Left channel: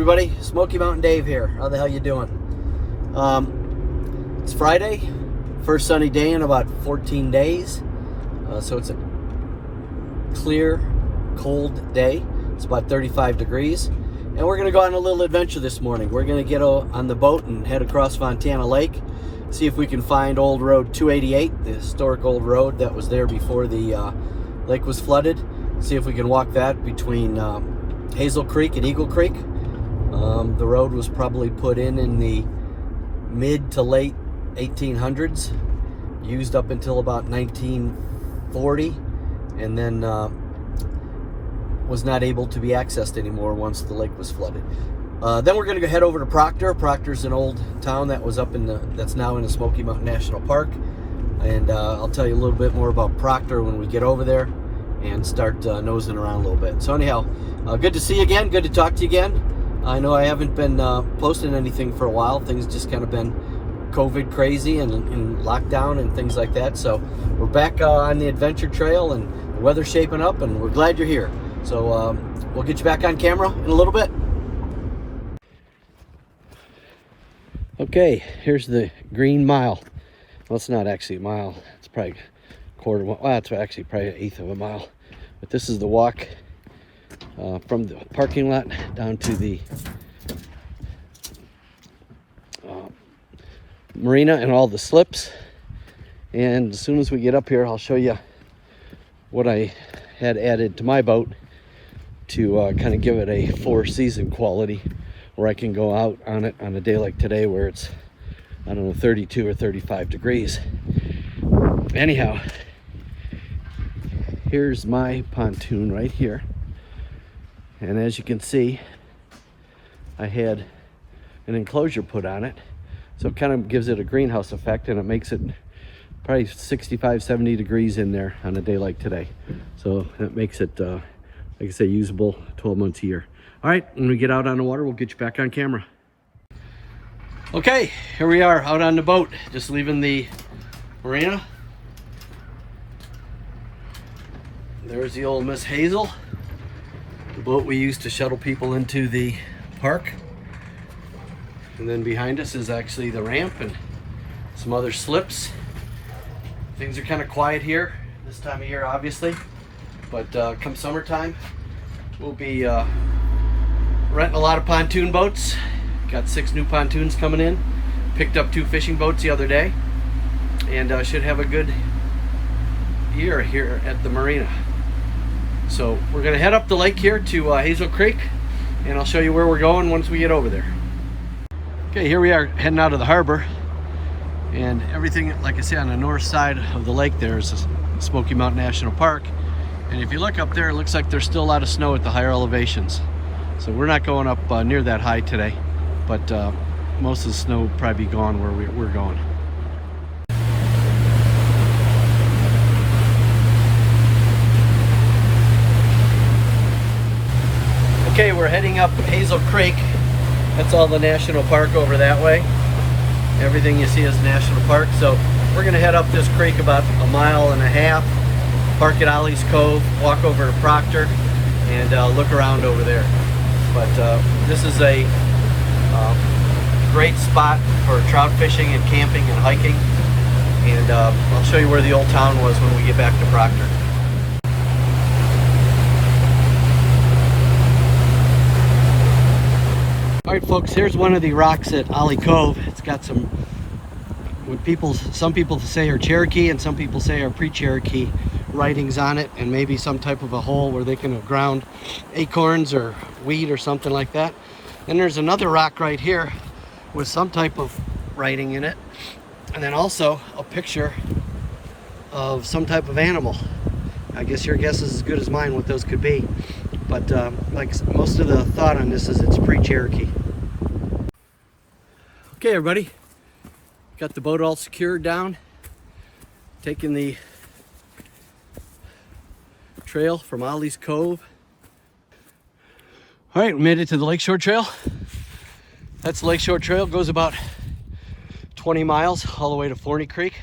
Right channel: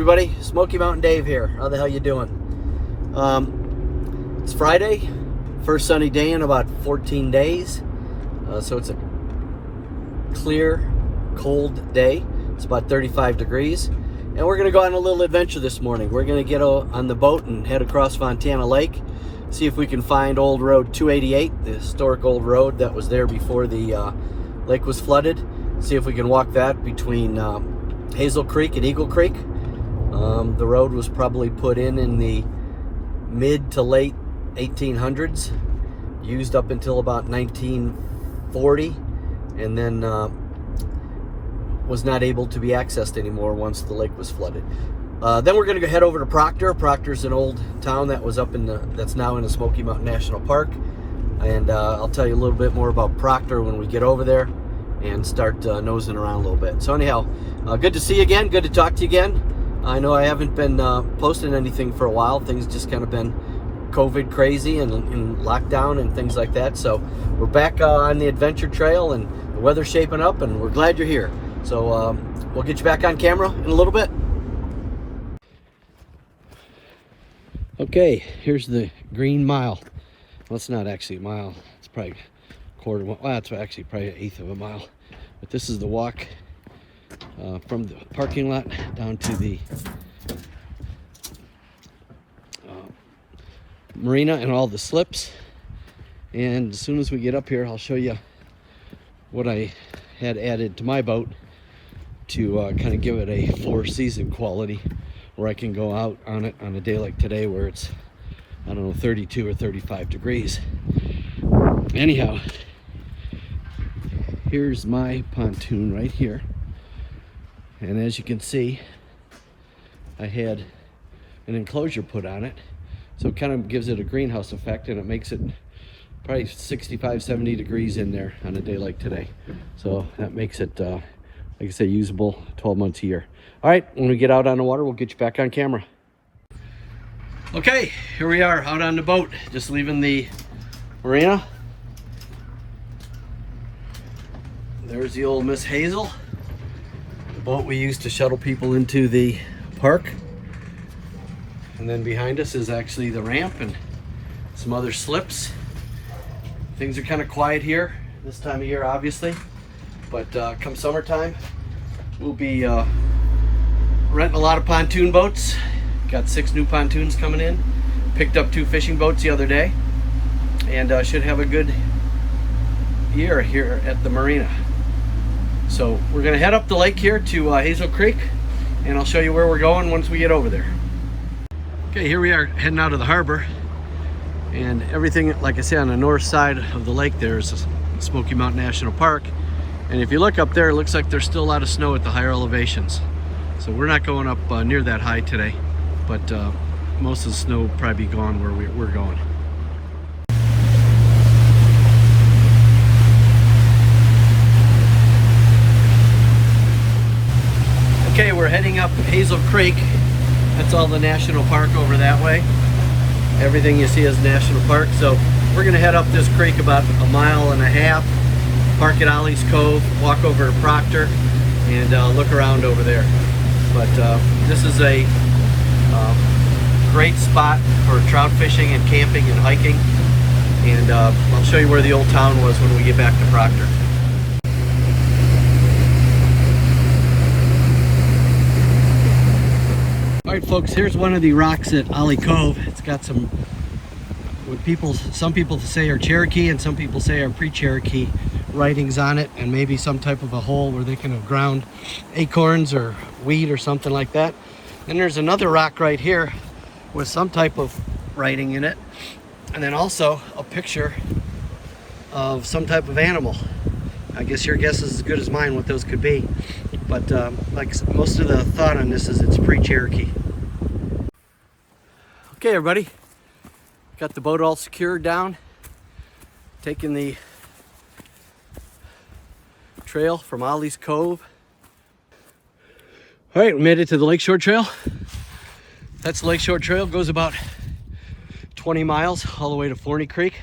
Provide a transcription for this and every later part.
everybody, Smoky Mountain Dave here. How the hell you doing? It's Friday, first sunny day in about 14 days. So it's a clear, cold day. It's about 35 degrees. And we're gonna go on a little adventure this morning. We're gonna get on the boat and head across Fontana Lake, see if we can find old road 288, the historic old road that was there before the lake was flooded. See if we can walk that between Hazel Creek and Eagle Creek. The road was probably put in the mid to late 1800s, used up until about 1940, and then was not able to be accessed anymore once the lake was flooded. Then we're going to head over to Procter. Procter's an old town that was up that's now in the Smoky Mountain National Park, and I'll tell you a little bit more about Procter when we get over there and start nosing around a little bit. So anyhow, good to see you again. Good to talk to you again. I know I haven't been posting anything for a while. Things just kind of been COVID crazy and lockdown and things like that. So we're back on the adventure trail, and the weather's shaping up, and we're glad you're here. So we'll get you back on camera in a little bit. Okay, here's the Green Mile. Well, it's not actually a mile. It's probably a quarter. Well, it's actually probably an eighth of a mile. But this is the walk from the parking lot down to the Marina and all the slips. And as soon as we get up here, I'll show you what I had added to my boat to kind of give it a four-season quality, where I can go out on it on a day like today where it's, I don't know, 32 or 35 degrees. Anyhow, here's my pontoon right here. And as you can see, I had an enclosure put on it. So it kind of gives it a greenhouse effect, and it makes it probably 65, 70 degrees in there on a day like today. So that makes it, like I say, usable 12 months a year. All right, when we get out on the water, we'll get you back on camera. Okay, here we are out on the boat, just leaving the marina. There's the old Miss Hazel, the boat we used to shuttle people into the park. And then behind us is actually the ramp and some other slips. Things are kind of quiet here this time of year, obviously, but come summertime, we'll be renting a lot of pontoon boats. Got 6 new pontoons coming in. Picked up 2 fishing boats the other day, and should have a good year here at the marina. So we're gonna head up the lake here to Hazel Creek, and I'll show you where we're going once we get over there. Okay, here we are heading out of the harbor, and everything, like I say, on the north side of the lake there is Smoky Mountain National Park. And if you look up there, it looks like there's still a lot of snow at the higher elevations. So we're not going up near that high today, but most of the snow will probably be gone where we're going. Okay, we're heading up Hazel Creek. That's all the national park over that way. Everything you see is national park. So we're gonna head up this creek about a mile and a half, park at Ollie's Cove, walk over to Procter, and look around over there. But this is a great spot for trout fishing and camping and hiking. And I'll show you where the old town was when we get back to Procter. All right, folks, here's one of the rocks at Ollie Cove. It's got some, some people say are Cherokee and some people say are pre-Cherokee writings on it, and maybe some type of a hole where they can have ground acorns or wheat or something like that. Then there's another rock right here with some type of writing in it, and then also a picture of some type of animal. I guess your guess is as good as mine what those could be, but like most of the thought on this is it's pre-Cherokee. Okay, everybody, got the boat all secured down, taking the trail from Ollie's Cove. All right, we made it to the Lakeshore Trail. That's the Lakeshore Trail, goes about 20 miles all the way to Forney Creek.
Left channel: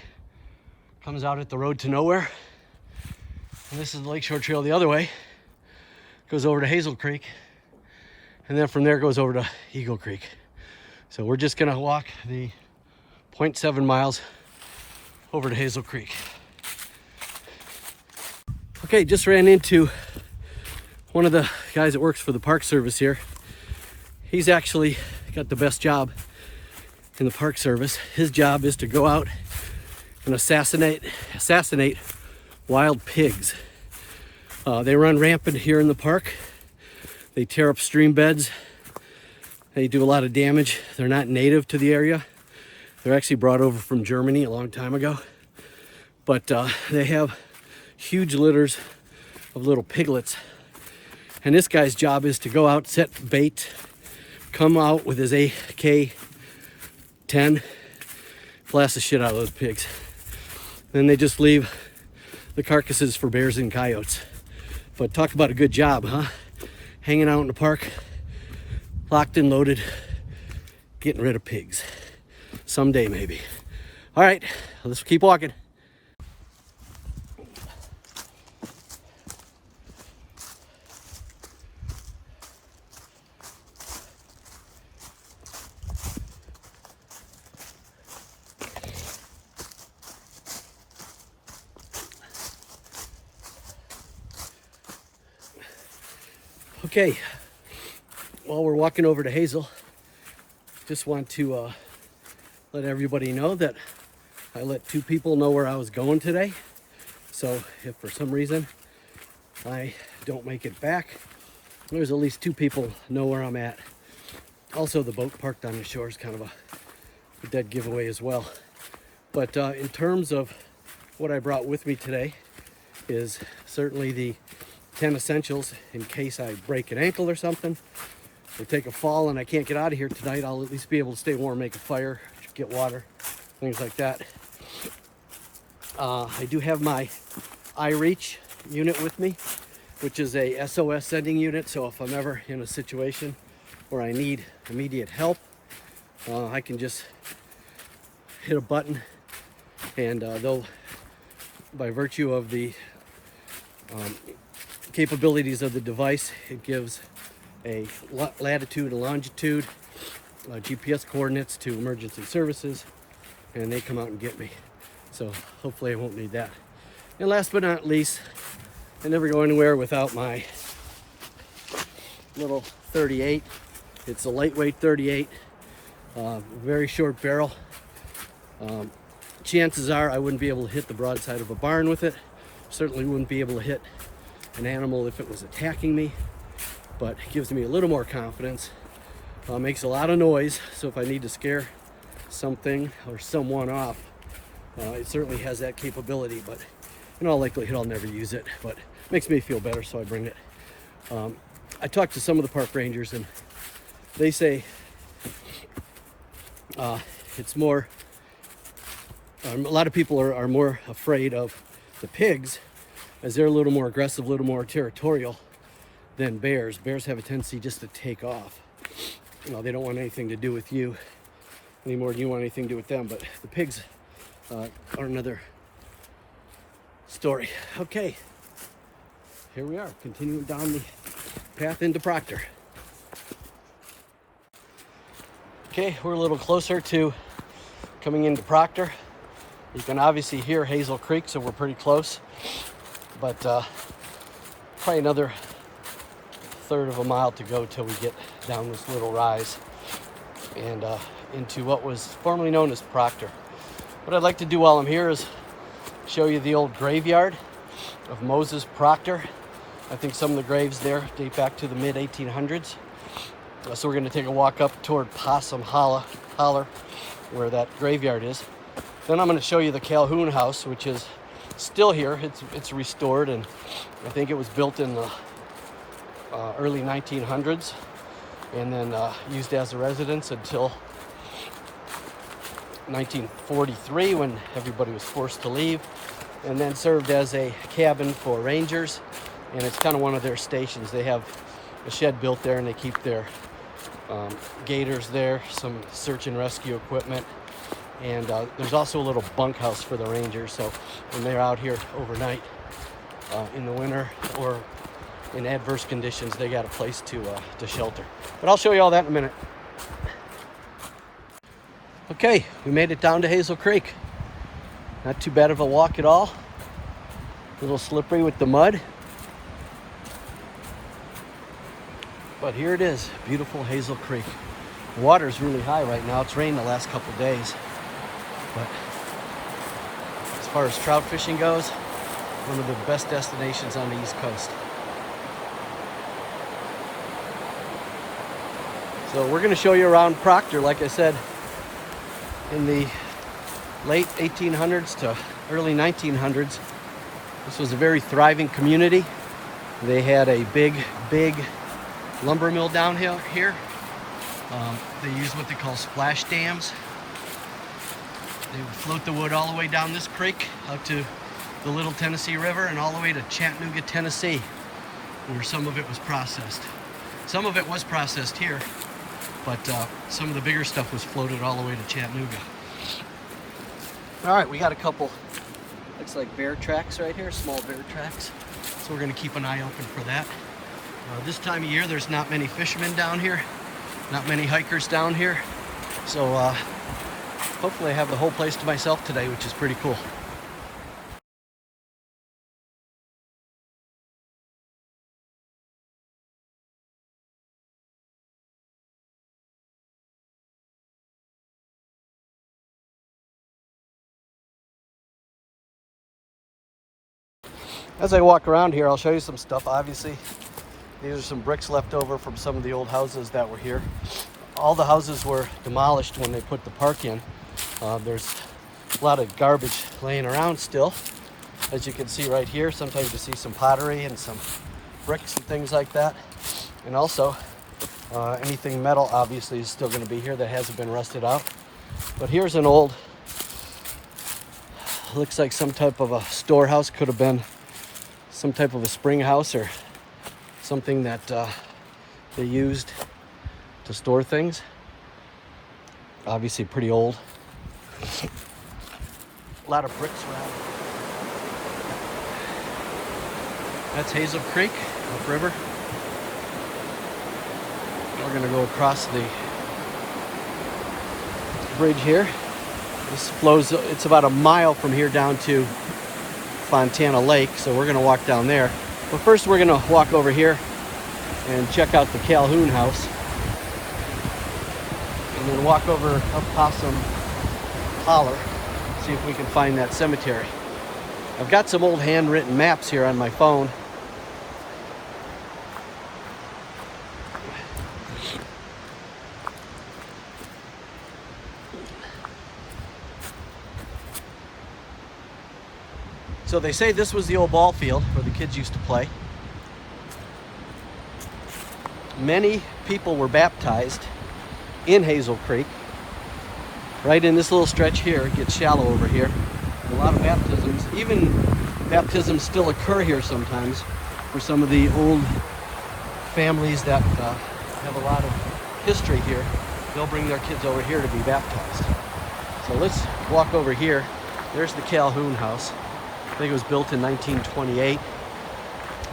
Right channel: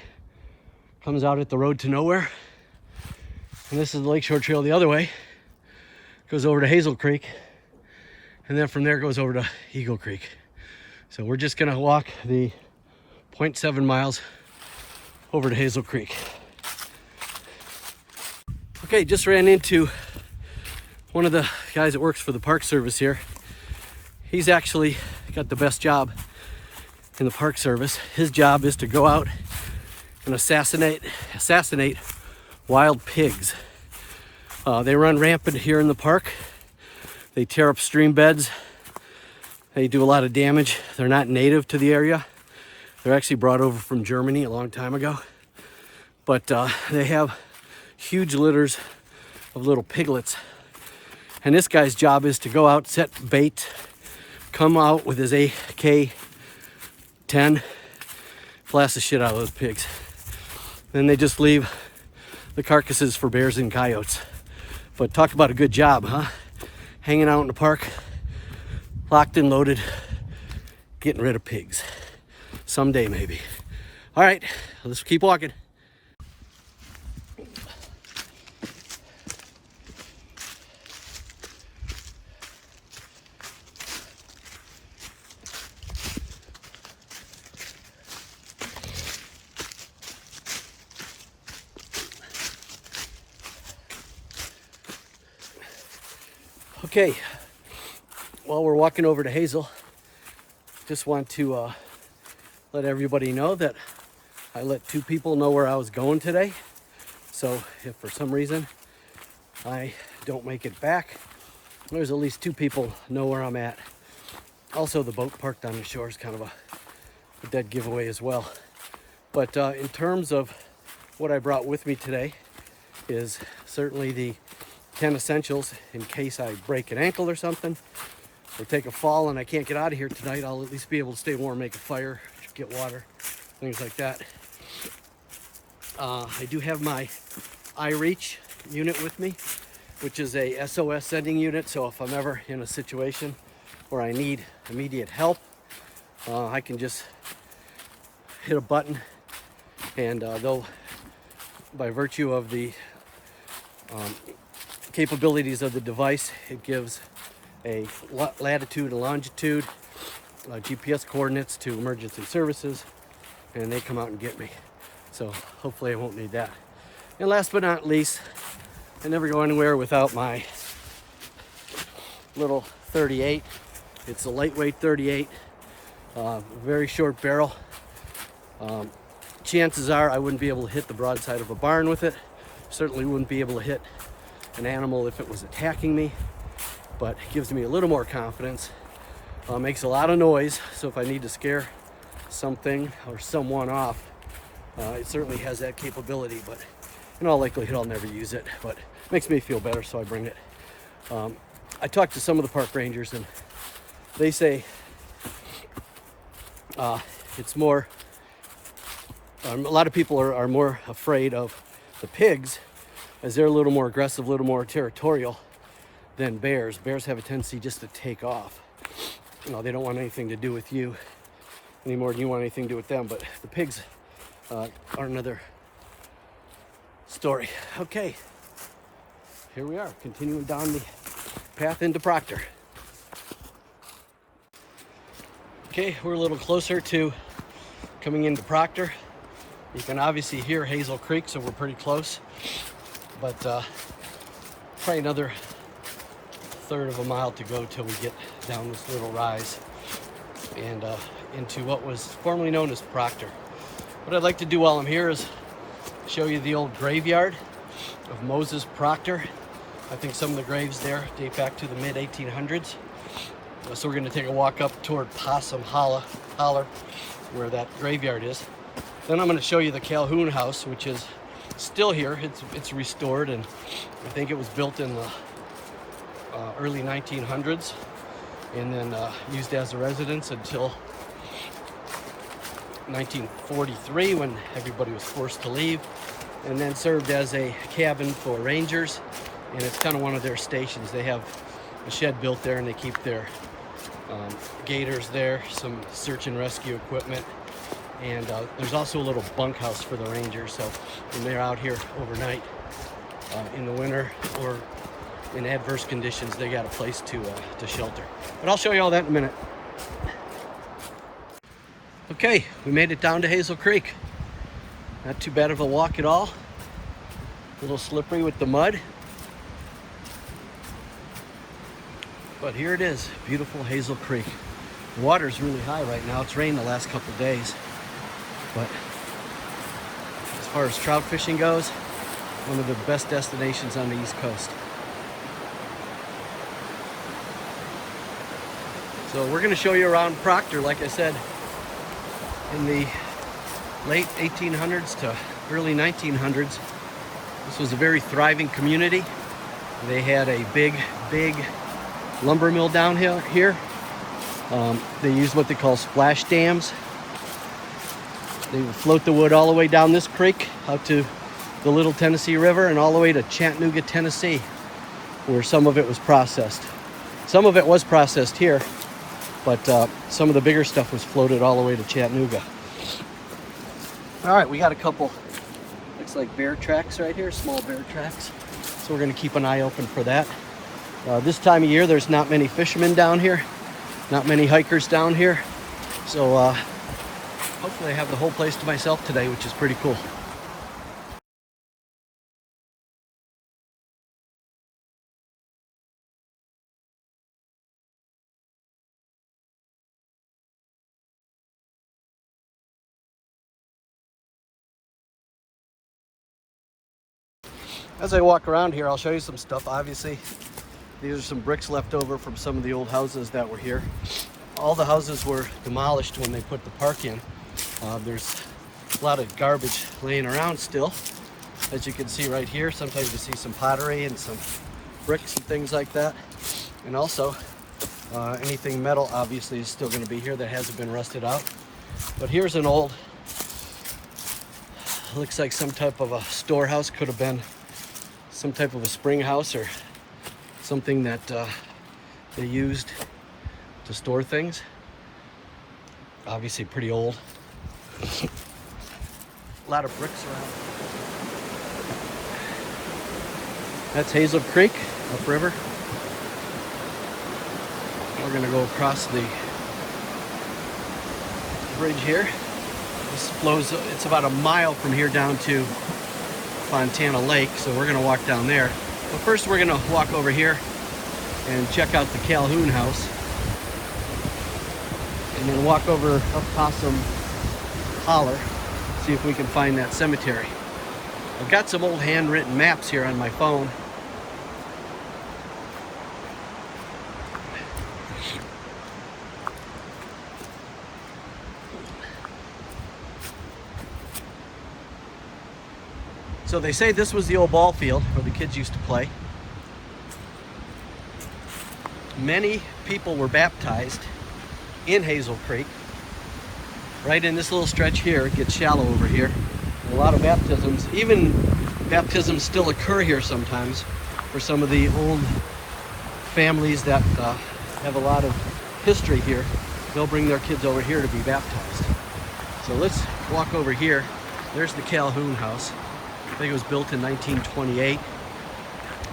Comes out at the road to nowhere. And this is the Lakeshore Trail the other way. Goes over to Hazel Creek. And then from there it goes over to Eagle Creek. So we're just gonna walk the 0.7 miles over to Hazel Creek. Okay, just ran into one of the guys that works for the Park Service here. He's actually got the best job in the Park Service. His job is to go out and assassinate wild pigs. They run rampant here in the park. They tear up stream beds. They do a lot of damage. They're not native to the area. They're actually brought over from Germany a long time ago. But they have huge litters of little piglets. And this guy's job is to go out, set bait, come out with his AK-10, blast the shit out of those pigs. Then they just leave the carcasses for bears and coyotes. But talk about a good job, huh? Hanging out in the park, locked and loaded, getting rid of pigs. Someday, maybe. All right, let's keep walking. Okay, while we're walking over to Hazel, just want to let everybody know that I let 2 people know where I was going today. So if for some reason I don't make it back, there's at least 2 people know where I'm at. Also, the boat parked on the shore is kind of a dead giveaway as well. But in terms of what I brought with me today is certainly the 10 essentials in case I break an ankle or something, or take a fall and I can't get out of here tonight. I'll at least be able to stay warm, make a fire, get water, things like that. I do have my iReach unit with me, which is a SOS sending unit. So if I'm ever in a situation where I need immediate help, I can just hit a button and they'll, by virtue of the capabilities of the device, it gives a latitude and longitude, GPS coordinates to emergency services, and they come out and get me. So hopefully I won't need that. And last but not least, I never go anywhere without my little 38. It's a lightweight 38, very short barrel. Chances are I wouldn't be able to hit the broadside of a barn with it. Certainly wouldn't be able to hit an animal if it was attacking me, but it gives me a little more confidence. Makes a lot of noise, so if I need to scare something or someone off, it certainly has that capability, but in all likelihood I'll never use it, but it makes me feel better, so I bring it. I talked to some of the park rangers and they say it's more, a lot of people are more afraid of the pigs, as they're a little more aggressive, a little more territorial than bears. Bears have a tendency just to take off. You know, they don't want anything to do with you any more than you want anything to do with them. But the pigs are another story. Okay, here we are, continuing down the path into Procter. Okay, we're a little closer to coming into Procter. You can obviously hear Hazel Creek, so we're pretty close. But probably another 1/3 of a mile to go till we get down this little rise and into what was formerly known as Procter. What I'd like to do while I'm here is show you the old graveyard of Moses Procter. I think some of the graves there date back to the mid-1800s. So we're going to take a walk up toward Possum Holler, where that graveyard is. Then I'm going to show you the Calhoun house, which is still here. It's restored, and I think it was built in the early 1900s, and then used as a residence until 1943 when everybody was forced to leave, and then served as a cabin for rangers, and it's kind of one of their stations. They have a shed built there, and they keep their gators there, some search and rescue equipment, and there's also a little bunkhouse for the rangers, so when they're out here overnight in the winter or in adverse conditions, they got a place to shelter. But I'll show you all that in a minute. Okay, we made it down to Hazel Creek. Not too bad of a walk at all. A little slippery with the mud. But here it is, beautiful Hazel Creek. The water's really high right now. It's rained the last couple of days. But as far as trout fishing goes, one of the best destinations on the East Coast. So we're gonna show you around Procter, like I said, in the late 1800s to early 1900s. This was a very thriving community. They had a big lumber mill down here. They used what they call splash dams. They would float the wood all the way down this creek out to the Little Tennessee River and all the way to Chattanooga, Tennessee, where some of it was processed. Some of it was processed here, but some of the bigger stuff was floated all the way to Chattanooga. All right, we got a couple, looks like bear tracks right here, small bear tracks. So we're gonna keep an eye open for that. This time of year, there's not many fishermen down here, not many hikers down here. So hopefully I have the whole place to myself today, which is pretty cool. As I walk around here, I'll show you some stuff. Obviously, these are some bricks left over from some of the old houses that were here. All the houses were demolished when they put the park in. There's a lot of garbage laying around still. As you can see right here, sometimes you see some pottery and some bricks and things like that. And also, anything metal obviously is still going to be here that hasn't been rusted out. But here's an old, looks like some type of a storehouse. Could have been some type of a spring house or something that they used to store things. Obviously pretty old. A lot of bricks around. That's Hazel Creek, upriver. We're gonna go across the bridge here. This flows, it's about a mile from here down to Fontana Lake, so we're gonna walk down there. But first we're gonna walk over here and check out the Calhoun house. And then walk over up Possum Holler, see if we can find that cemetery. I've got some old handwritten maps here on my phone. So they say this was the old ball field where the kids used to play. Many people were baptized in Hazel Creek. Right in this little stretch here, it gets shallow over here. A lot of baptisms, even baptisms still occur here sometimes for some of the old families that have a lot of history here. They'll bring their kids over here to be baptized. So let's walk over here. There's the Calhoun house. I think it was built in 1928,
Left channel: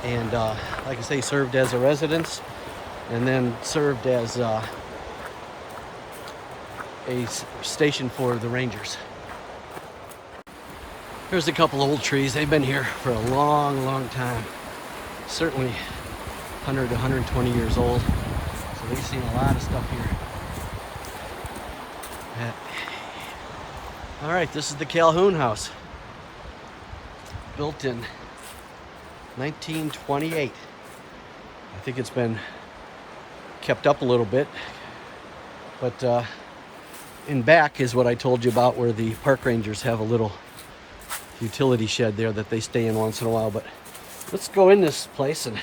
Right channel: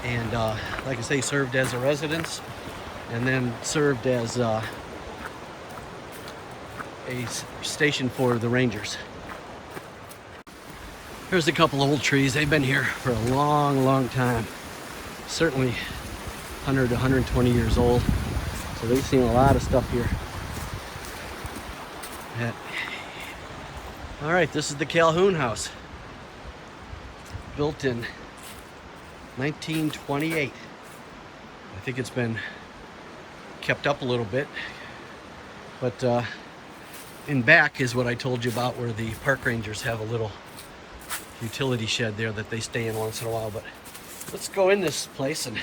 and like I say, served as a residence and then served as a station for the Rangers. Here's a couple old trees. They've been here for a long time. Certainly 100 to 120 years old. So they've seen a lot of stuff here. All right, this is the Calhoun house. Built in 1928. I think it's been kept up a little bit, but in back is what I told you about, where the park rangers have a little utility shed there that they stay in once in a while. But let's go in this place and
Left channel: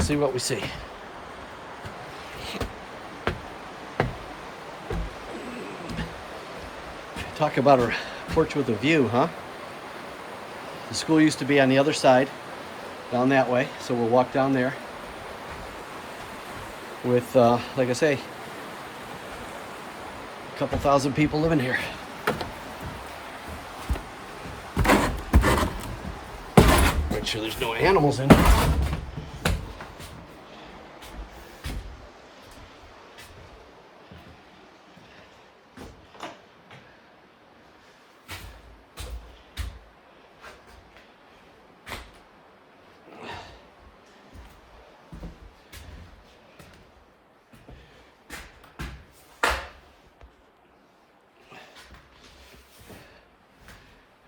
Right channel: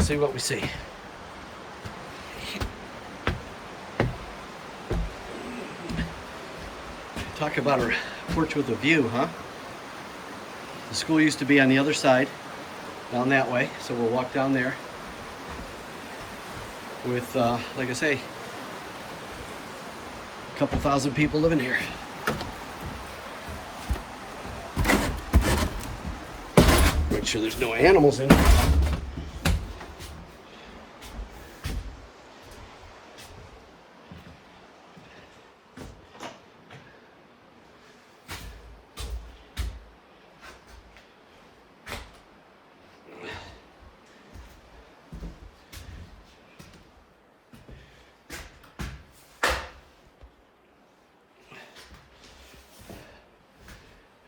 see what we see. Talk about a porch with a view, huh? The school used to be on the other side, down that way, so we'll walk down there with, like I say, a couple thousand people living here. Which sure there's no animals in.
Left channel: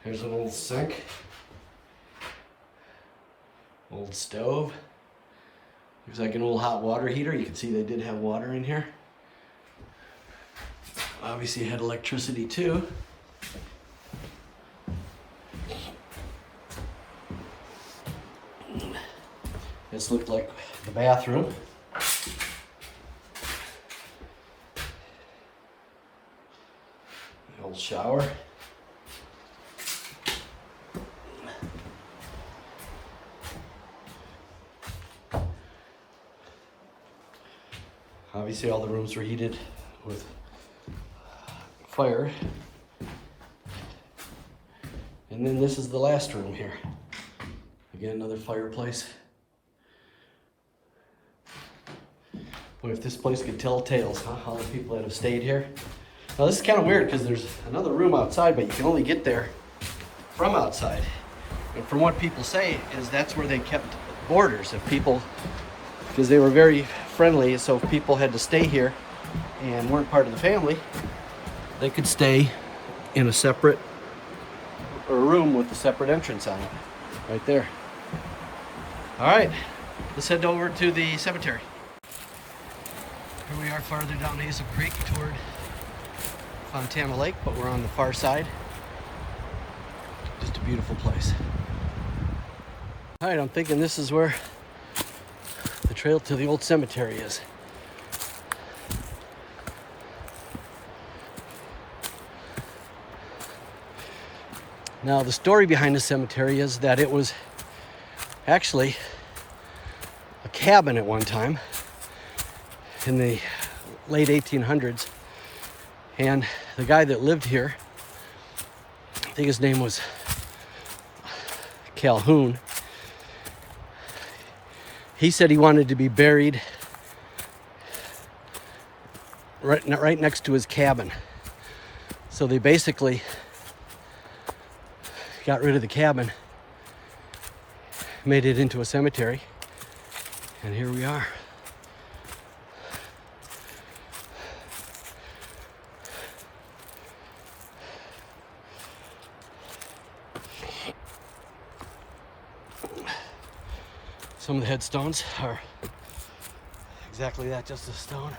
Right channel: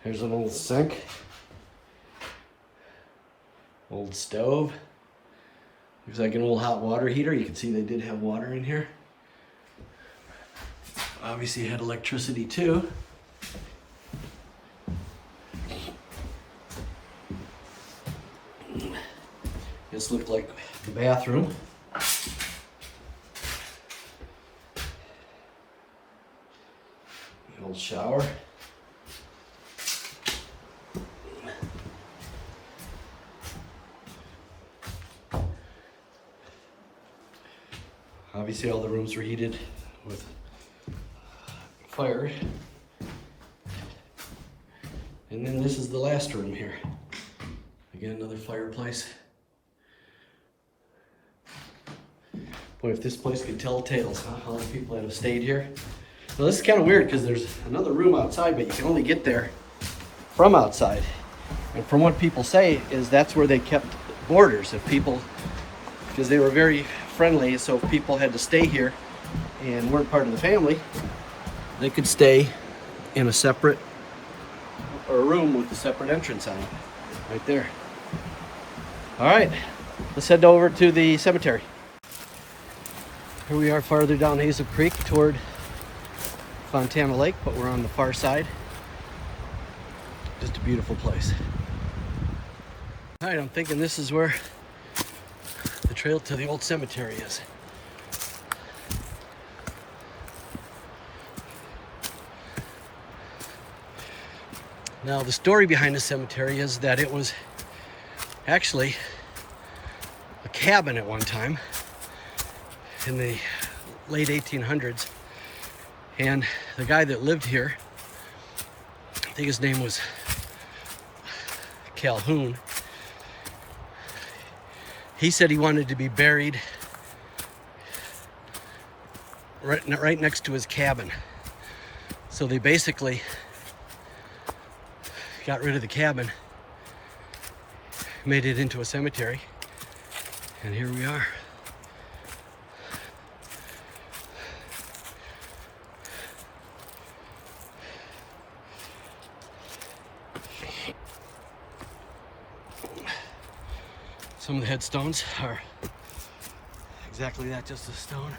Here's an old sink, old stove. Looks like an old hot water heater. You can see they did have water in here. Obviously had electricity too. This looked like the bathroom. The old shower. Obviously all the rooms were heated with fire. And then this is the last room here. Again, another fireplace. Boy, if this place could tell tales, huh? How many people that have stayed here. Now this is kind of weird because there's another room outside, but you can only get there from outside. And from what people say is that's where they kept boarders. If people, because they were very friendly, so if people had to stay here and weren't part of the family, they could stay in a separate room with a separate entrance on it, right there. All right, let's head over to the cemetery. Here we are farther down Hazel Creek toward Fontana Lake, but we're on the far side. Just a beautiful place. All right, I'm thinking this is where the trail to the old cemetery is. Now, the story behind the cemetery is that it was actually a cabin at one time in the late 1800s. And the guy that lived here, I think his name was Calhoun, he said he wanted to be buried right next to his cabin. So they basically got rid of the cabin, made it into a cemetery, and here we are. Some of the headstones are exactly that, just a stone.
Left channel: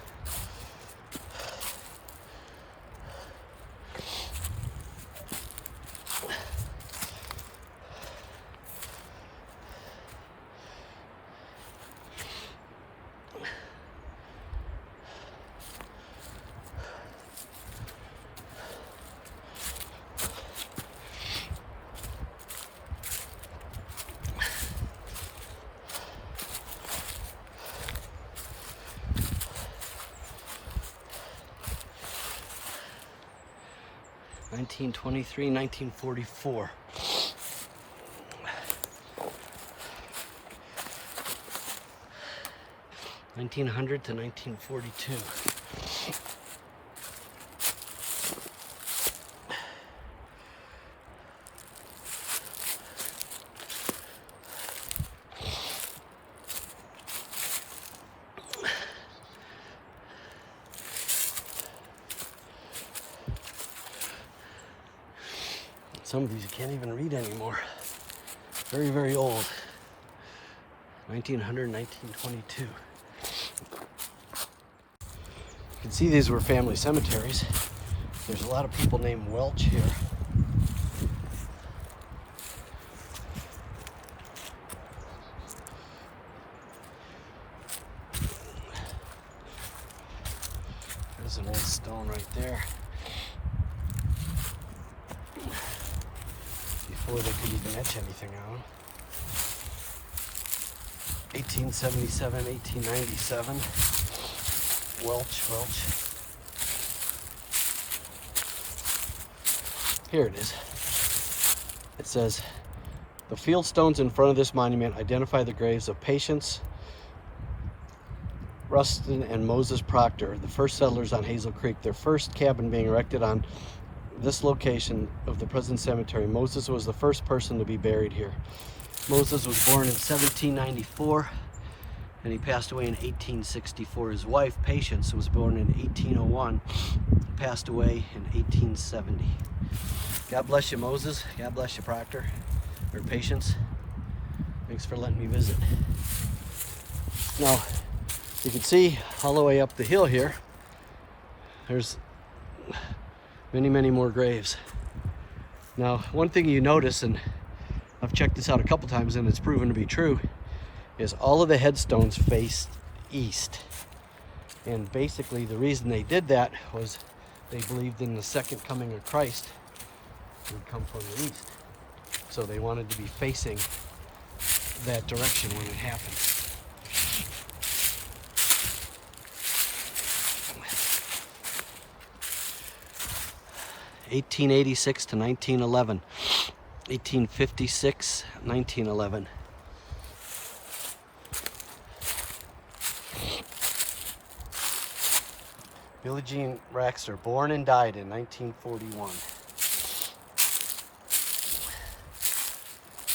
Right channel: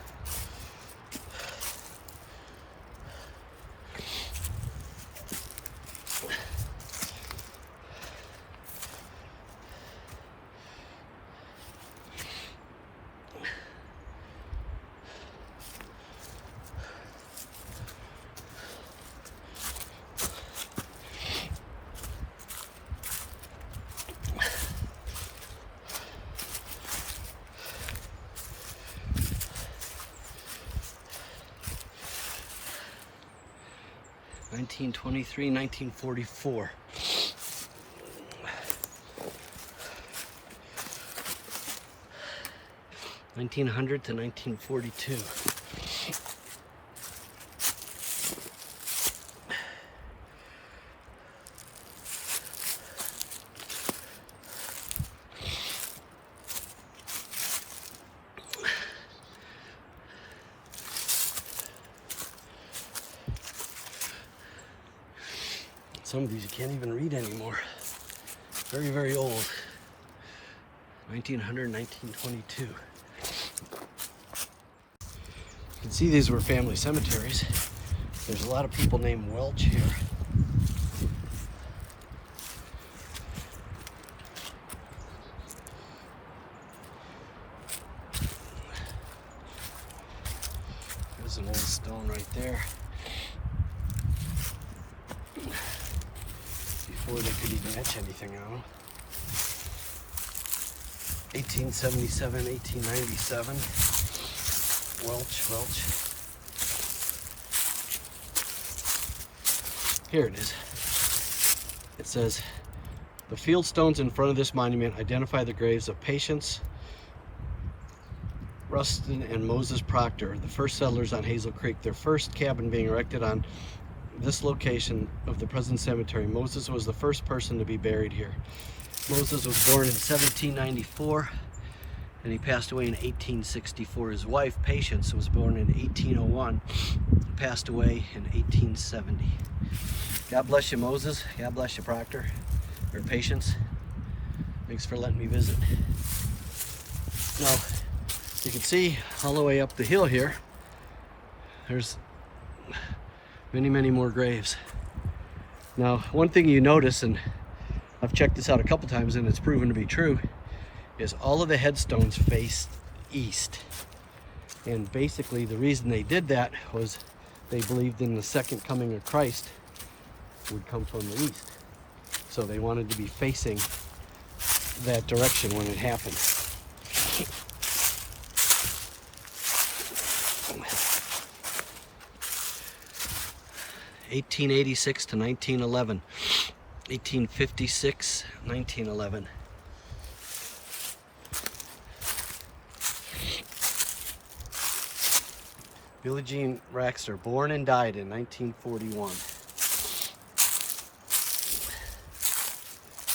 (1923, 1944). (1900 to 1942). Some of these you can't even read anymore. Very, very old. 1900, 1922. You can see these were family cemeteries. There's a lot of people named Welch here. There's an old stone right there. Before they could even etch anything on them. 1877, 1897. Welch. Here it is. It says The field stones in front of this monument identify the graves of Patience, Rustin, and Moses Proctor, the first settlers on Hazel Creek. Their first cabin being erected on this location of the present cemetery. Moses was the first person to be buried here. Moses was born in 1794 and he passed away in 1864. His wife, Patience, was born in 1801, passed away in 1870. God bless you, Moses. God bless you, Proctor, or Patience. Thanks for letting me visit. Now, you can see all the way up the hill here, there's many, many more graves. Now, one thing you notice, and I've checked this out a couple times and it's proven to be true, is all of the headstones face east. And basically the reason they did that was they believed in the second coming of Christ would come from the east. So they wanted to be facing that direction when it happened. 1886 to 1911, 1856, 1911. Billie Jean Raxter, born and died in 1941.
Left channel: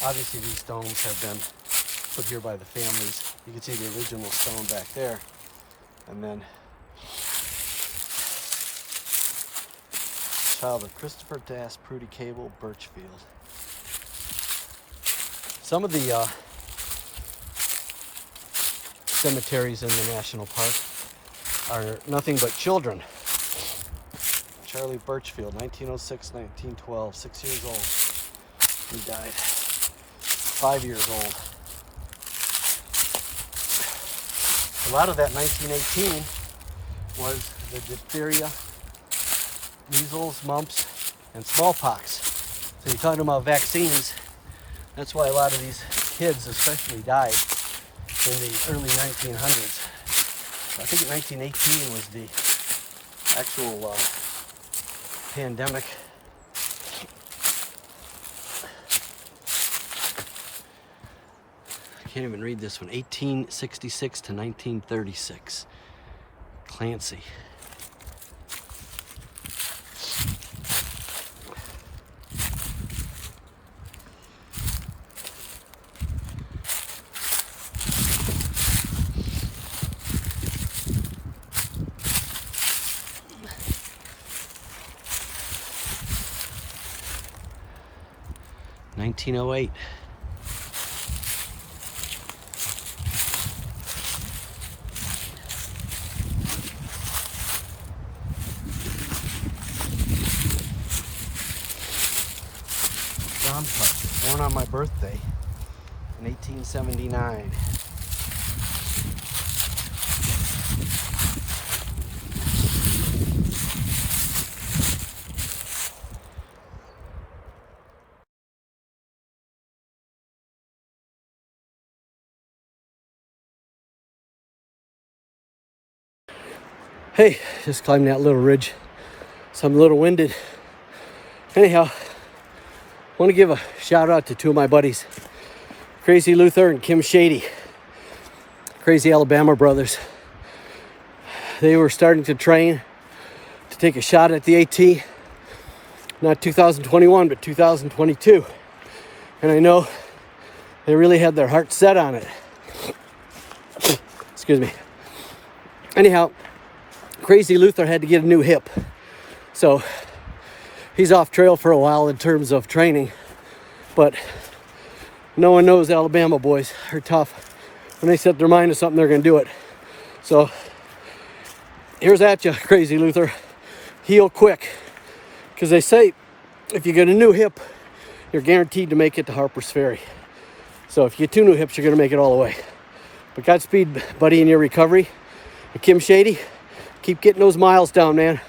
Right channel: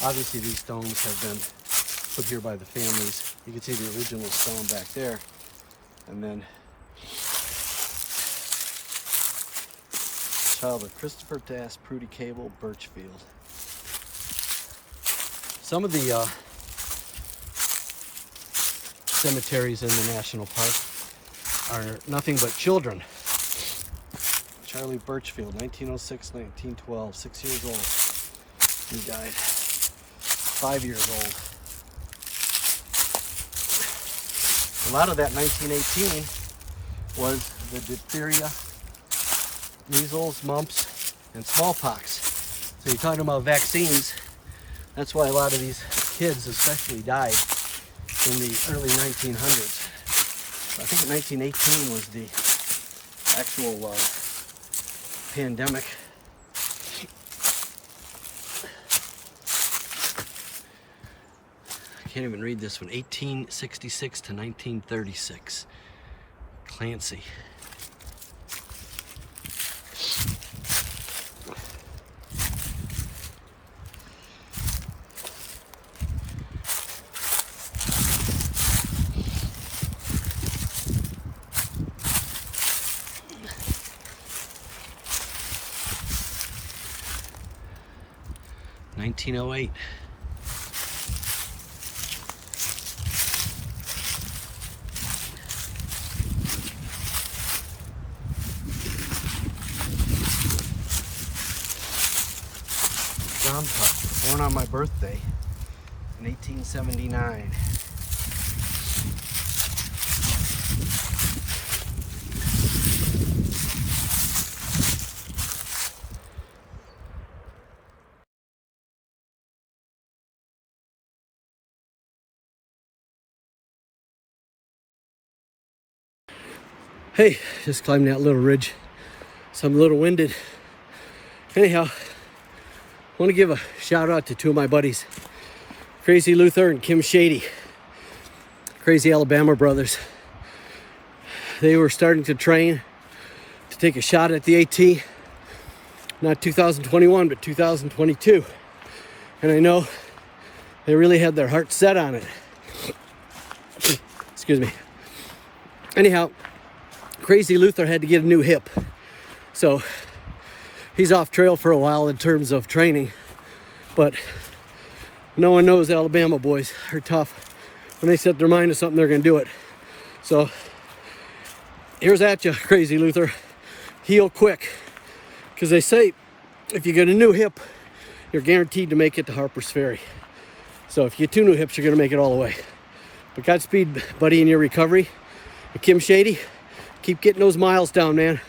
Obviously these stones have been put here by the families. You can see the original stone back there. And then Albert Christopher Das, Prudy Cable, Birchfield. Some of the cemeteries in the national park are nothing but children. Charlie Birchfield, 1906, 1912, 6 years old. He died 5 years old. A lot of that 1918 was the diphtheria, measles, mumps, and smallpox. So you're talking about vaccines. That's why a lot of these kids especially died in the early 1900s. I think 1918 was the actual pandemic. I can't even read this one. 1866 to 1936. Clancy. $1908. John Putt, born on my birthday in 1879. Hey, just climbing that little ridge. So I'm a little winded. Anyhow, I want to give a shout out to two of my buddies, Crazy Luther and Kim Shady, Crazy Alabama brothers. They were starting to train to take a shot at the AT, not 2021, but 2022. And I know they really had their heart set on it. Excuse me. Anyhow, Crazy Luther had to get a new hip. So he's off trail for a while in terms of training. But no one knows Alabama boys are tough. When they set their mind to something, they're going to do it. So here's at you, Crazy Luther. Heal quick. Because they say if you get a new hip, you're guaranteed to make it to Harper's Ferry. So if you get two new hips, you're going to make it all the way. But Godspeed, buddy, in your recovery. And Kim Shady, keep getting those miles down, man.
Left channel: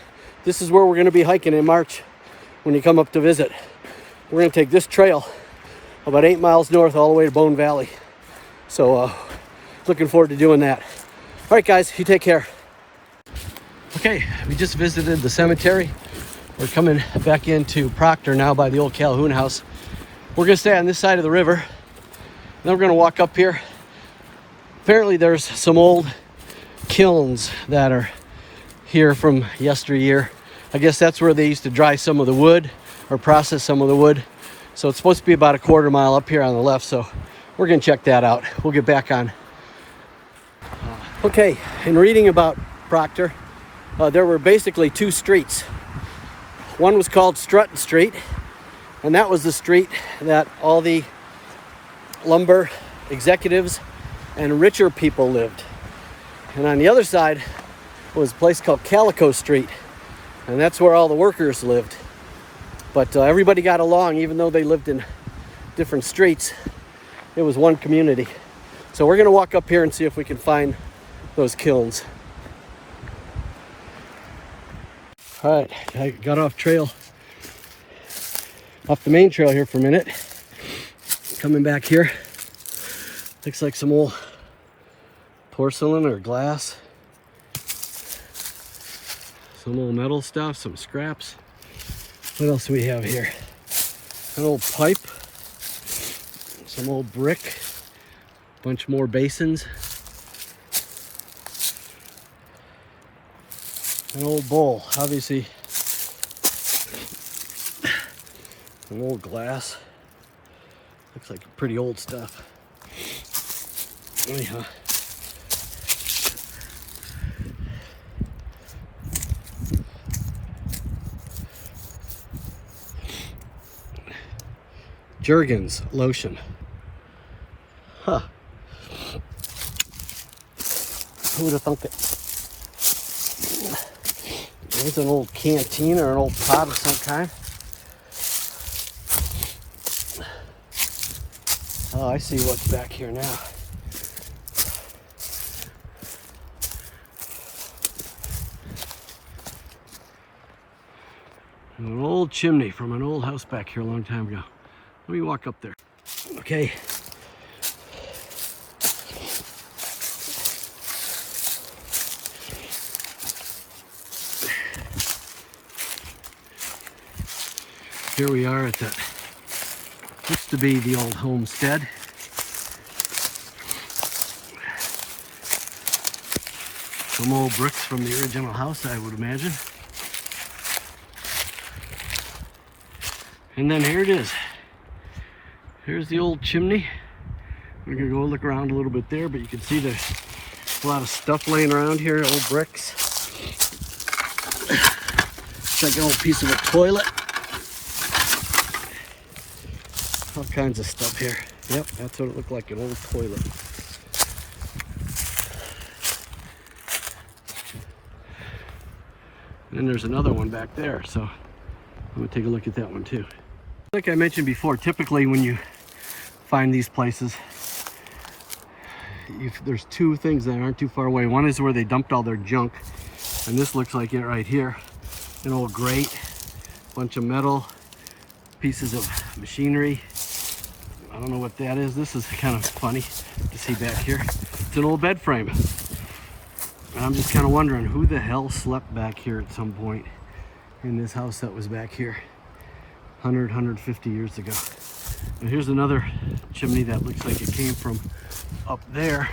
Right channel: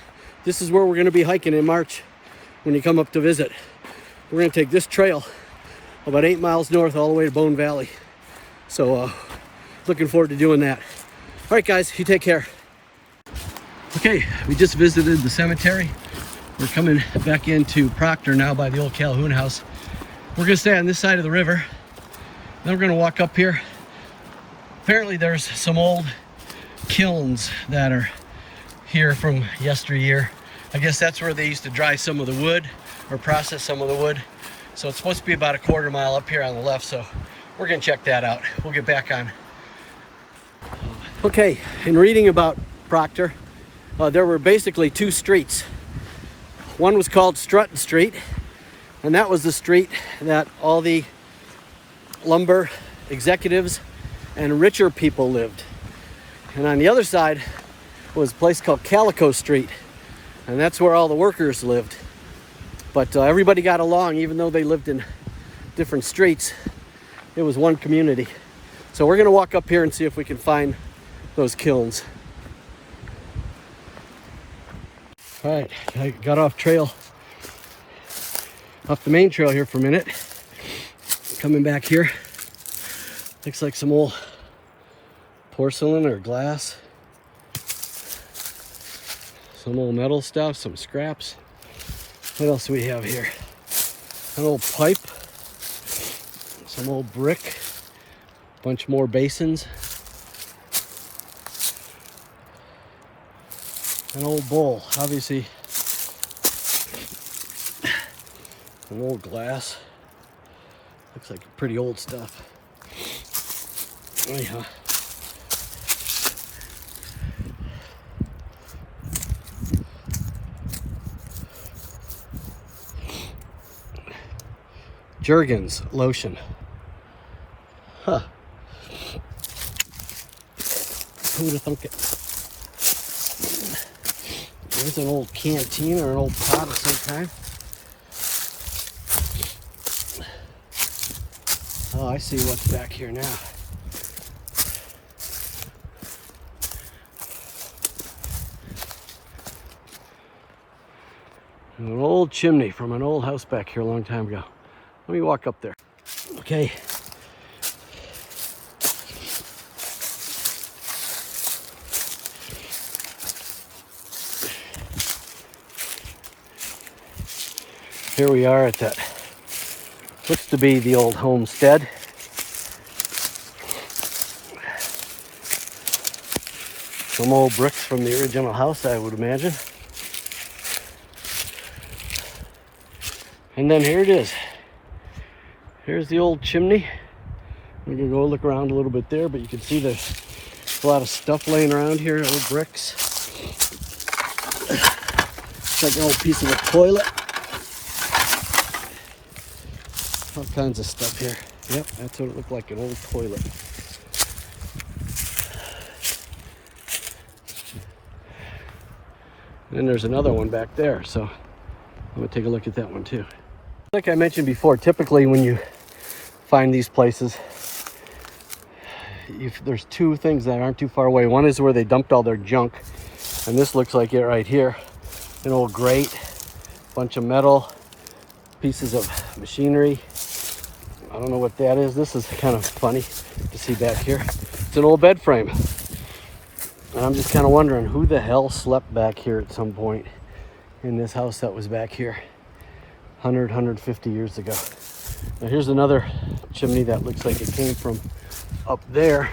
This is where we're going to be hiking in March when you come up to visit. We're going to take this trail about 8 miles north all the way to Bone Valley. So looking forward to doing that. All right, guys, you take care. Okay, we just visited the cemetery. We're coming back into Proctor now by the old Calhoun house. We're gonna stay on this side of the river. Then we're gonna walk up here. Apparently there's some old kilns that are here from yesteryear. I guess that's where they used to dry some of the wood or process some of the wood. So it's supposed to be about a quarter mile up here on the left. So we're gonna check that out. We'll get back on. Okay, in reading about Procter, there were basically two streets. One was called Strutton Street, and that was the street that all the lumber executives and richer people lived. And on the other side was a place called Calico Street, and that's where all the workers lived. But everybody got along, even though they lived in different streets. It was one community. So we're gonna walk up here and see if we can find those kilns. All right, I got off the main trail here for a minute. Coming back here, looks like some old porcelain or glass. Some old metal stuff, some scraps. What else do we have here? An old pipe, some old brick, a bunch more basins. An old bowl, obviously an old glass. Looks like pretty old stuff. Anyhow. Jergens lotion. Huh. Who would have thunk it? There's an old canteen or an old pot of some kind. Oh, I see what's back here now. An old chimney from an old house back here a long time ago. Let me walk up there. Okay. Here we are at that, looks to be the old homestead. Some old bricks from the original house, I would imagine. And then here it is. Here's the old chimney. We're gonna go look around a little bit there, but you can see there's a lot of stuff laying around here, old bricks. It's like an old piece of a toilet. All kinds of stuff here. Yep, that's what it looked like, an old toilet. And then there's another one back there, so I'm gonna take a look at that one too. Like I mentioned before, typically when you find these places, there's two things that aren't too far away. One is where they dumped all their junk, and this looks like it right here. An old grate, bunch of metal, pieces of machinery. I don't know what that is. This is kind of funny to see back here. It's an old bed frame. And I'm just kind of wondering who the hell slept back here at some point in this house that was back here 150 years ago. Now here's another chimney that looks like it came from up there.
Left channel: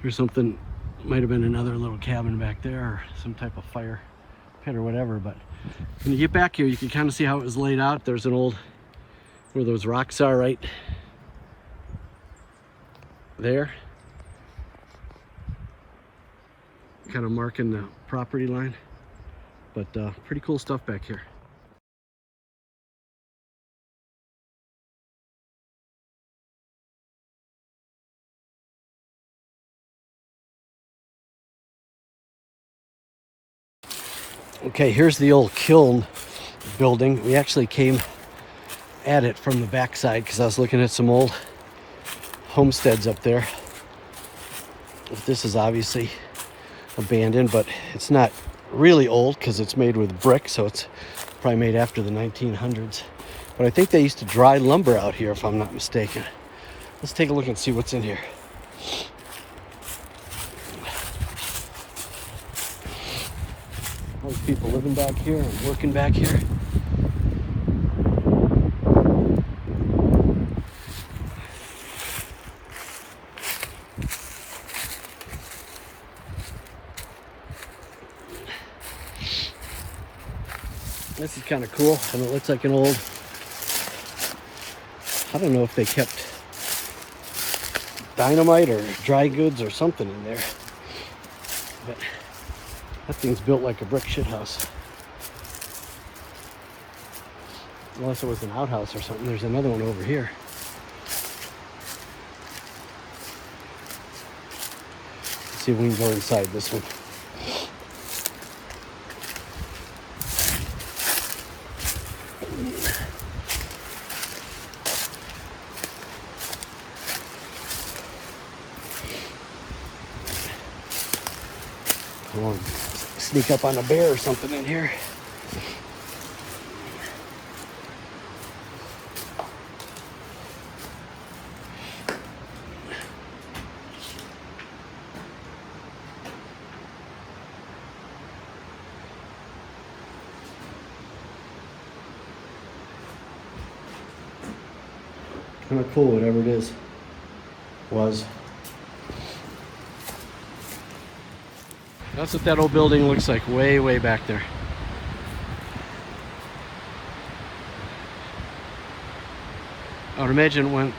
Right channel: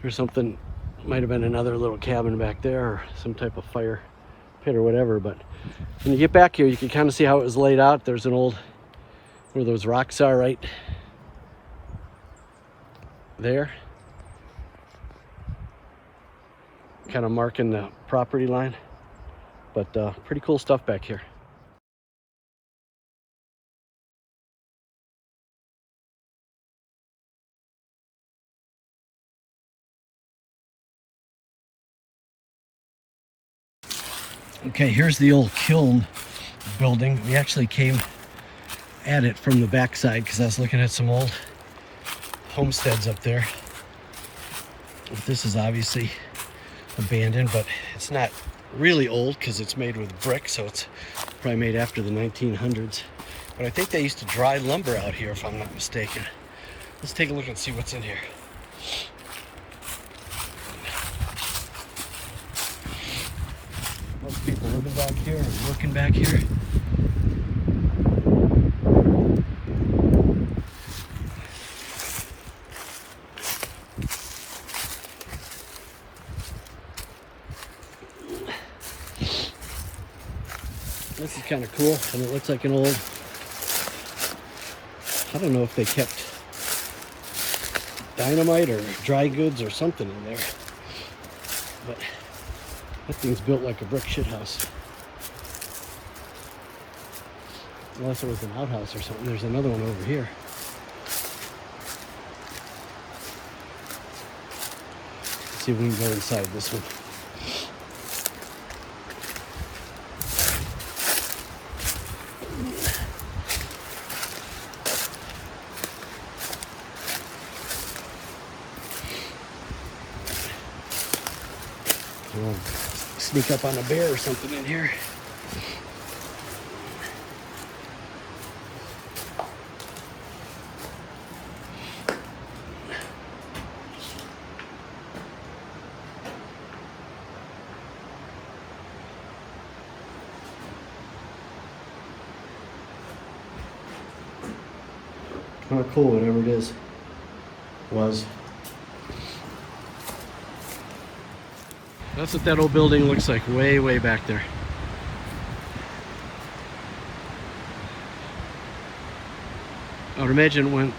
There's something, might have been another little cabin back there or some type of fire pit or whatever. But when you get back here, you can kind of see how it was laid out. There's an old, where those rocks are right there, kind of marking the property line. But pretty cool stuff back here. Okay, here's the old kiln building. We actually came at it from the backside because I was looking at some old homesteads up there. This is obviously abandoned, but it's not really old because it's made with brick, so it's probably made after the 1900s. But I think they used to dry lumber out here, if I'm not mistaken. Let's take a look and see what's in here. Most people living back here and working back here. This is kind of cool, and it looks like an old, I don't know if they kept dynamite or dry goods or something in there, but that thing's built like a brick shit house. Unless it was an outhouse or something. There's another one over here. Let's see if we can go inside this one. I want to sneak up on a bear or something in here. Kind of cool, whatever it is, was. That's what that old building looks like, way, way back there. I would imagine it went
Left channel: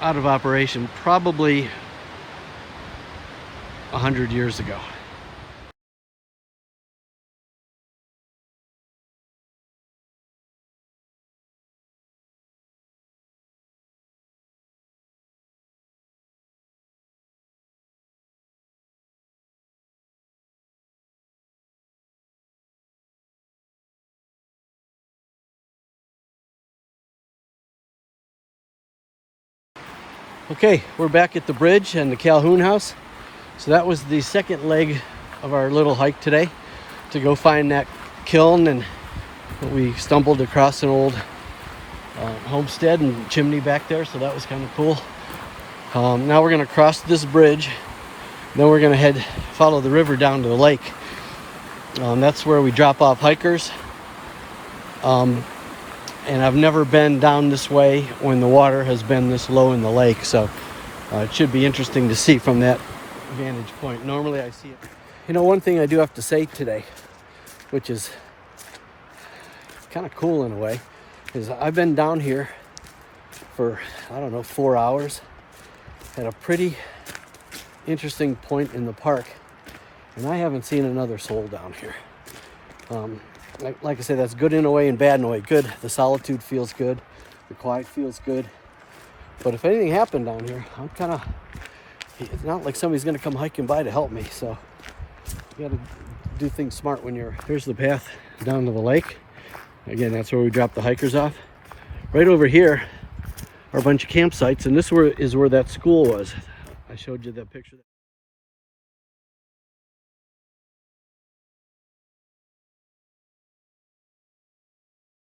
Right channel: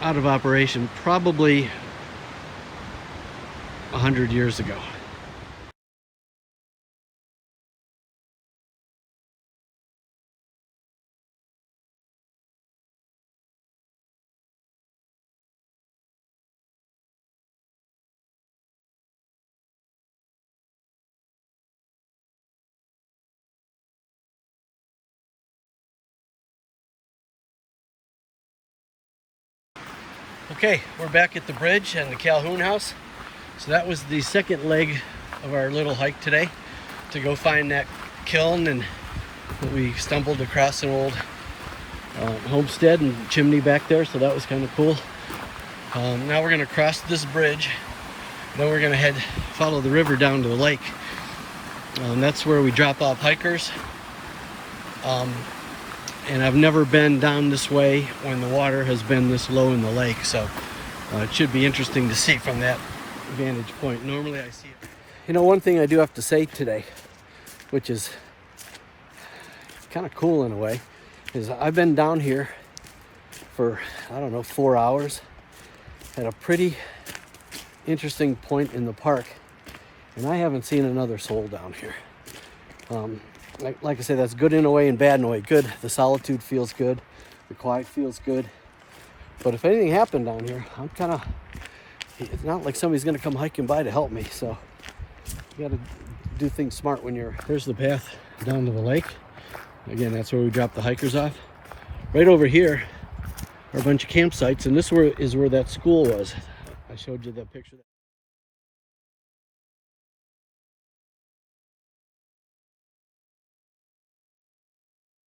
out of operation probably 100 years ago. Okay, we're back at the bridge and the Calhoun house. So that was the second leg of our little hike today, to go find that kiln, and we stumbled across an old homestead and chimney back there, so that was kind of cool. Now we're gonna cross this bridge, then we're gonna follow the river down to the lake. That's where we drop off hikers. And I've never been down this way when the water has been this low in the lake, so it should be interesting to see from that vantage point. Normally I see it. You know, one thing I do have to say today, which is kind of cool in a way, is I've been down here for, I don't know, 4 hours at a pretty interesting point in the park, and I haven't seen another soul down here. Like I said, that's good in a way and bad in a way. Good, the solitude feels good, the quiet feels good. But if anything happened down here, it's not like somebody's gonna come hiking by to help me. So you gotta do things smart when you're. Here's the path down to the lake. Again, that's where we drop the hikers off. Right over here are a bunch of campsites, and this is where that school was. I showed you that picture.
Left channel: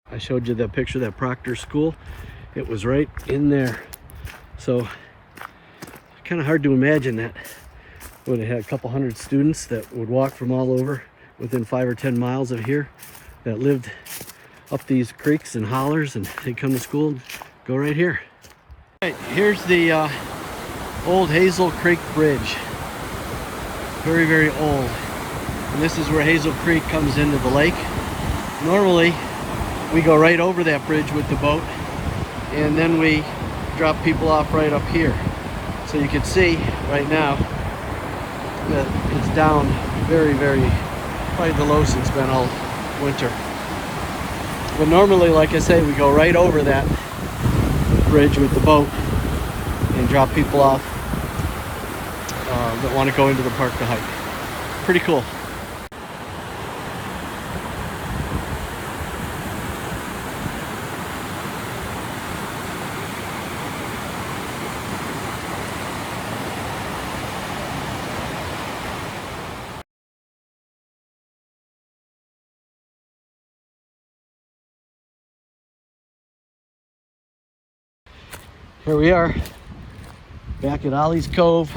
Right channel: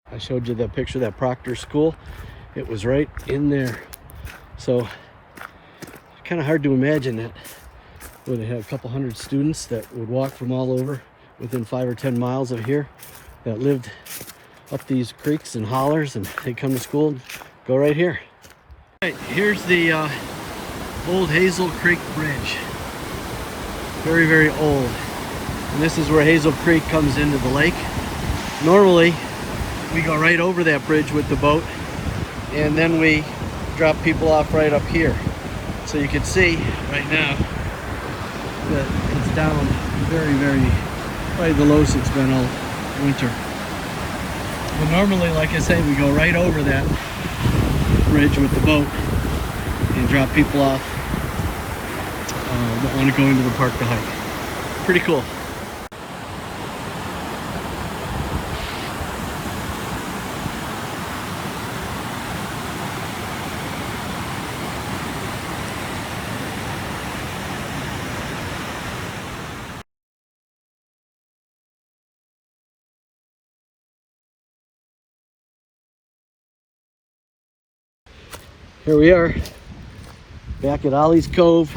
I showed you that picture of that Procter school. It was right in there. So kind of hard to imagine that when they had a couple hundred students that would walk from all over within 5 or 10 miles of here, that lived up these creeks and hollers, and they come to school and go right here. All right, here's the old Hazel Creek Bridge. Very, very old. And this is where Hazel Creek comes into the lake. Normally, we go right over that bridge with the boat, and then we drop people off right up here. So you can see right now that it's down very, very, probably the lowest it's been all winter. But normally, like I say, we go right over that bridge with the boat and drop people off that want to go into the park to hike. Pretty cool. Here we are, back at Ollie's Cove.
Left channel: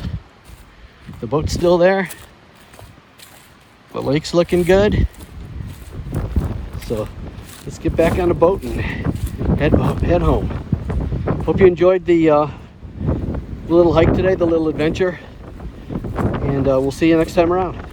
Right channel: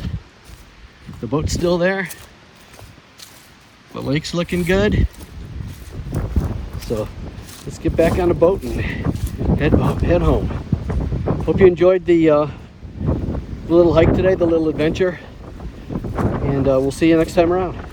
The boat's still there. The lake's looking good. So let's get back on the boat and head home. Hope you enjoyed the little hike today, the little adventure. And we'll see you next time around.